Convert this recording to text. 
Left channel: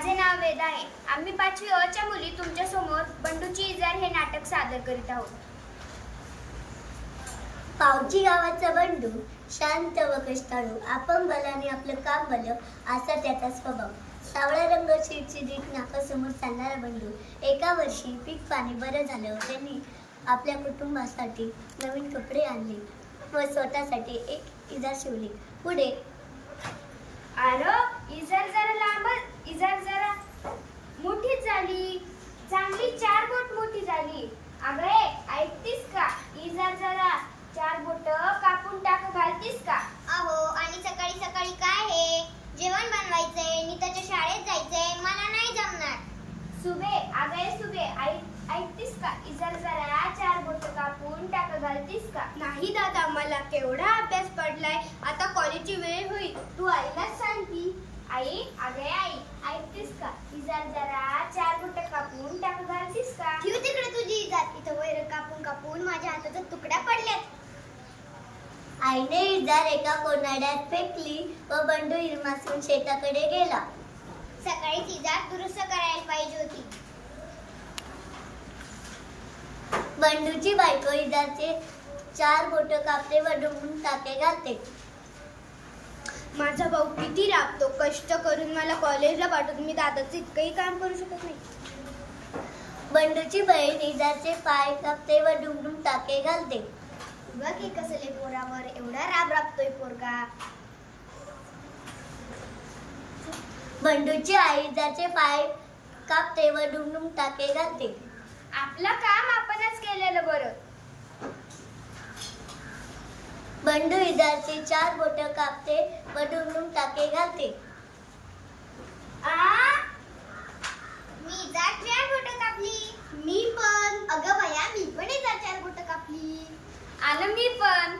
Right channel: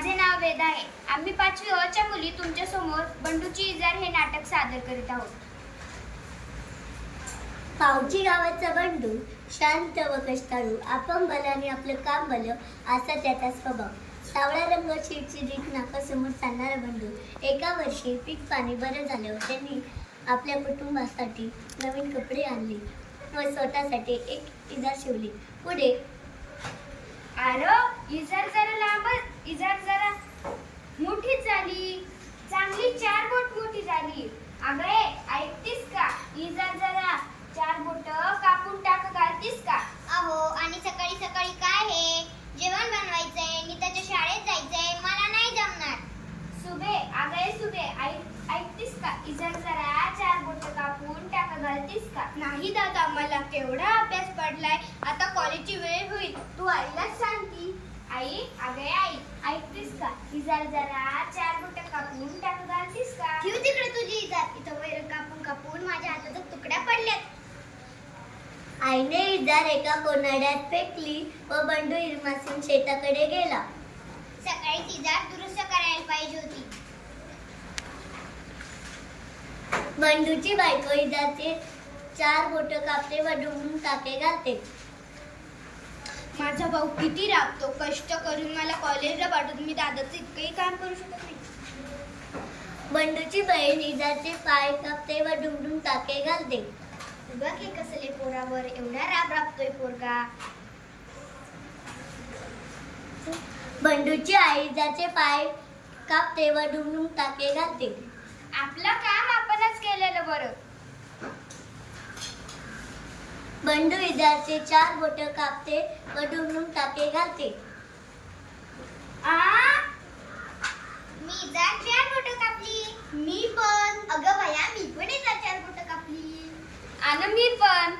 माझे नाव वेदा आहे. आम्ही 5वी अ च्या मुली तुमच्या समोर बंडूची इजार हे नाटक सादर करीत आहोत. पावची गावाचा बंडू शांत व कष्टाळू, आपण बलाने आपलं काम भलं असा त्याचा स्वभाव. सावळा रंग, चिडचिडीत नाकासमोर चालणारा बंडू. एका वर्षी पीक पाणी बरं झालं. त्यांनी आपल्या कुटुंबासाठी नवीन कपडे आणले व स्वतःसाठी एक इजार शिवली. पुढे अरे इजार जरा लांब, इजार जरा मोठी झाली, चांगली 4 बोट मोठी झाली. अगं ऐकतीस का? इजार जरा 4 बोट कापून टाक घालतीस का? अहो, आणि सकाळी सकाळी काय हे? जेवण बनवायचंय, नीताच्या शाळेत जायचंय, मला नाही जमणार. सुबे, अगं सुबे, ऐकतीस का? इजार जरा 4 बोट कापून टाक घालतीस का? नाही दादा, मला केवढा अभ्यास पडलाय. आता कॉलेजची वेळ होईल. तू आईलाच सांगती. आई, अगं आई, ऐकतीस का? इजार जरा 4 बोट कापून टाक घालतीस का? ठेव तिकडे तुझी इजार. इथं वैर कापून कापून माझ्या हाताच्या तुकड्या पडल्यात. आईने इजार एका कोनाड्यात फेकली व बंडू इरमासून शेताकडे गेला. सकाळीच इजार दुरुस्त करायला पाहिजे होती. बंडूची बायको इजारचे 4 बोट कापते व डुंबून टाके घालते. माझा भाऊ किती राबतो, कष्ट करून मला कॉलेजला पाठवतो. मी दादाचं इतकंही काम करू शकत नाही. बंडूची बहीण इजारचे पाय कापते व डुंबडुम टाके घालते. बघ हे कसले पोरावर एवढा राब राबतोय पोरगा. बंडूची आई इजारचे पाय कापते व डुंबडुम टाके घालते. आपलं काम आपणच केलेलं बरं. बंडू इजारचे 4 बोट कापते व डुंबडुम टाके घालते. मी इजार 4 बोटं कापली. मी पण. अगं भया, मी पण इजार 4 बोटं कापली. आणि मी पण.